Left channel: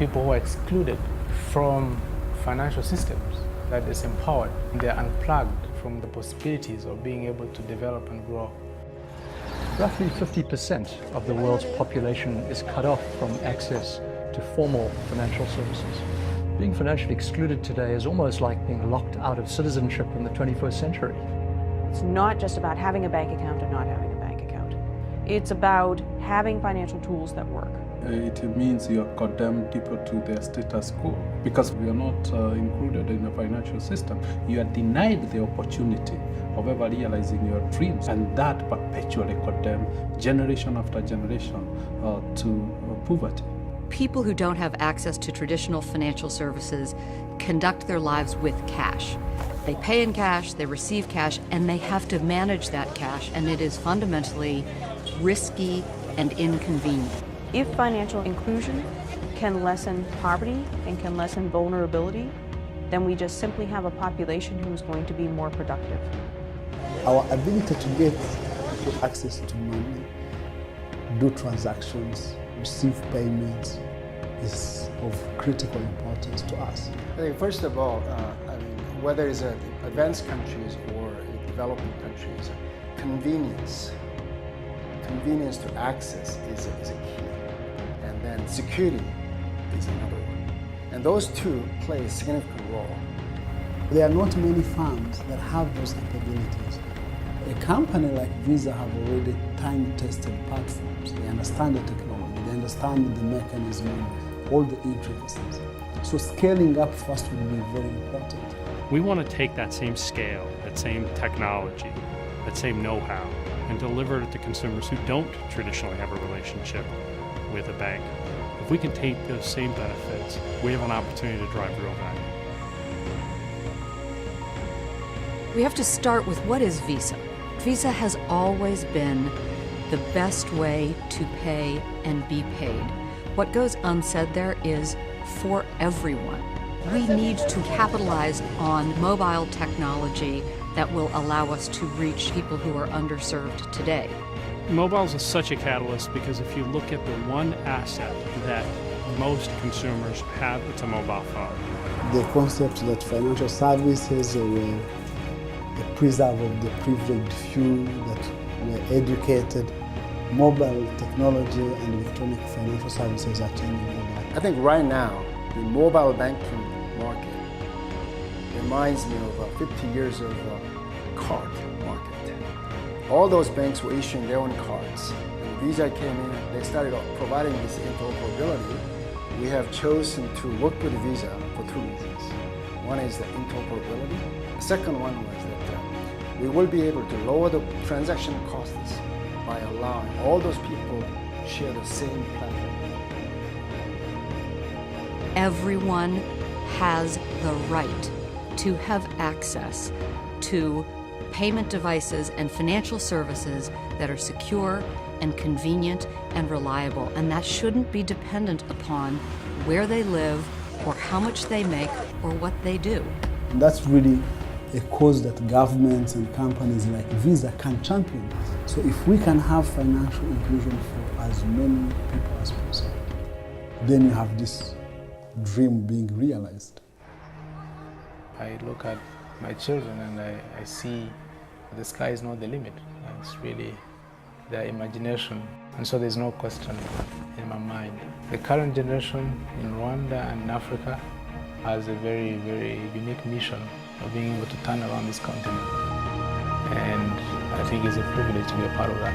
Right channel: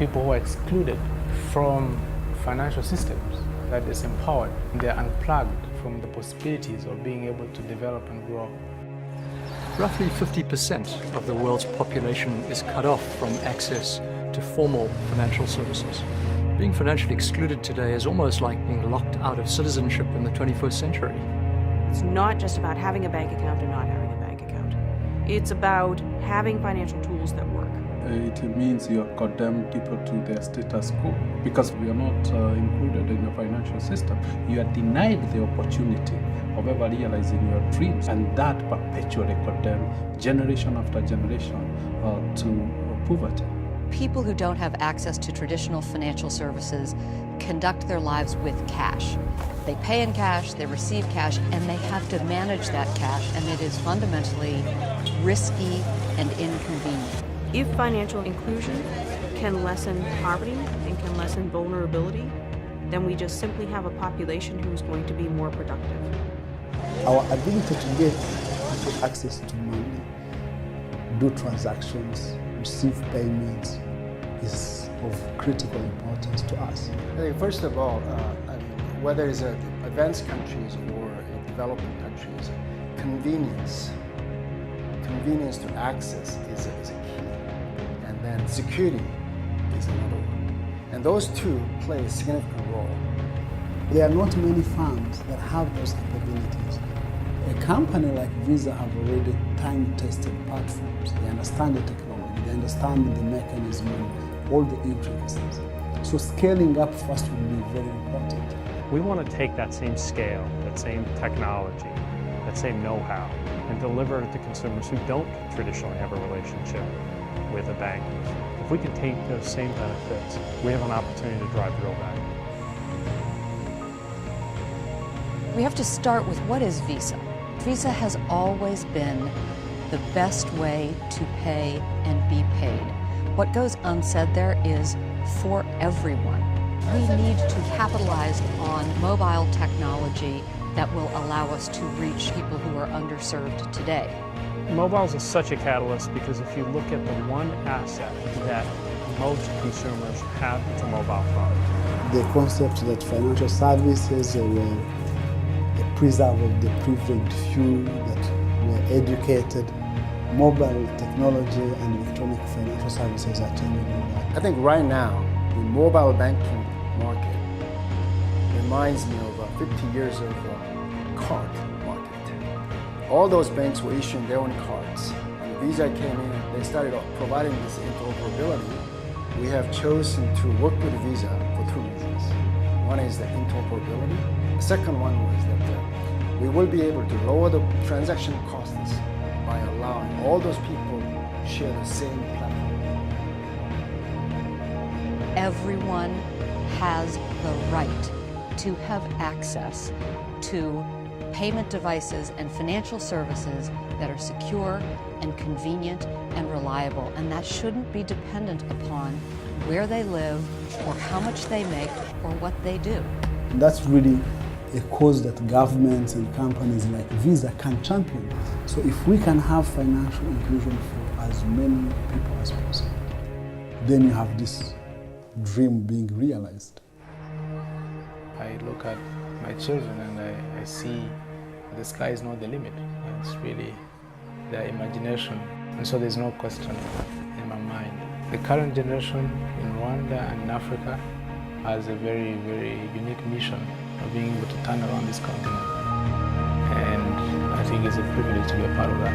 people who are excluded from financial systems, that is empowered. They're unplugged from the possibilities of being able to develop and grow. Roughly 50% of the world's population is cut off from access to formal financial services. Being financially excluded today is almost like being locked out of citizenship in the 21st century. It's not just about having a bank account and not having a bank account. It's about having financial tools that work. It means you condemn people to their status quo because we are not included in the financial system. You are denied the opportunity of ever realizing your dreams, and that perpetually condemns generation after generation to poverty. People who don't have access to traditional financial services conduct their lives with cash. They pay in cash, they receive cash, and they have to manage that cash, and it is fundamentally risky and inconvenient. If financial inclusion can lessen poverty and can lessen vulnerability, then we just simply have a population who's going to be more productive. Our ability to get people access to money, do transactions, receive payments is of critical importance to us. I think first of all, whether it's advanced countries or developing countries, convenience to access is a key. And then security is another one. And those two play a significant role. There are not many firms that have those capabilities. A company like Visa have already time-tested platforms. They understand the technology, they understand the mechanism and all the intricacies. So scaling up first will be very important. We want to take that same scale, that same technology, that same know-how, and deliver it to consumers who don't traditionally have a relationship with a bank. If we can take those same benefits, we have an opportunity to drive real value. We have to start with what is Visa. Visa has always been the best way to pay and be paid. What goes unsaid there is for everyone. We need to capitalize on mobile technology that will allow us to reach people who are underserved today. Mobiles is such a catalyst because if you look at the one asset that most consumers have, it's a mobile phone. The concept that financial services were a preserve of the privileged few that were educated, mobile technology and electronic financial services are changing all that. I think right now, the mobile banking market reminds me of 50 years of card market. All those banks were issuing their own cards. And Visa came in, they started providing this interoperability. We have chosen to work with Visa for two reasons. One is the interoperability. The second one was that we will be able to lower the transaction costs by allowing all those people share the same platform. Everyone has the right to have access to payment devices and financial services that are secure and convenient and reliable, and that shouldn't be dependent upon where they live or how much they make or what they do. And that's really a cause that governments and companies like Visa can champion. So if we can have financial inclusion for as many people as possible, then you have this dream being realized. I look at my children and I see the sky is not the limit. It's really their imagination. And so there's no question in my mind. The current generation in Rwanda and in Africa has a very, very unique mission of being able to turn around this continent. And I think it's a privilege to be a part of that.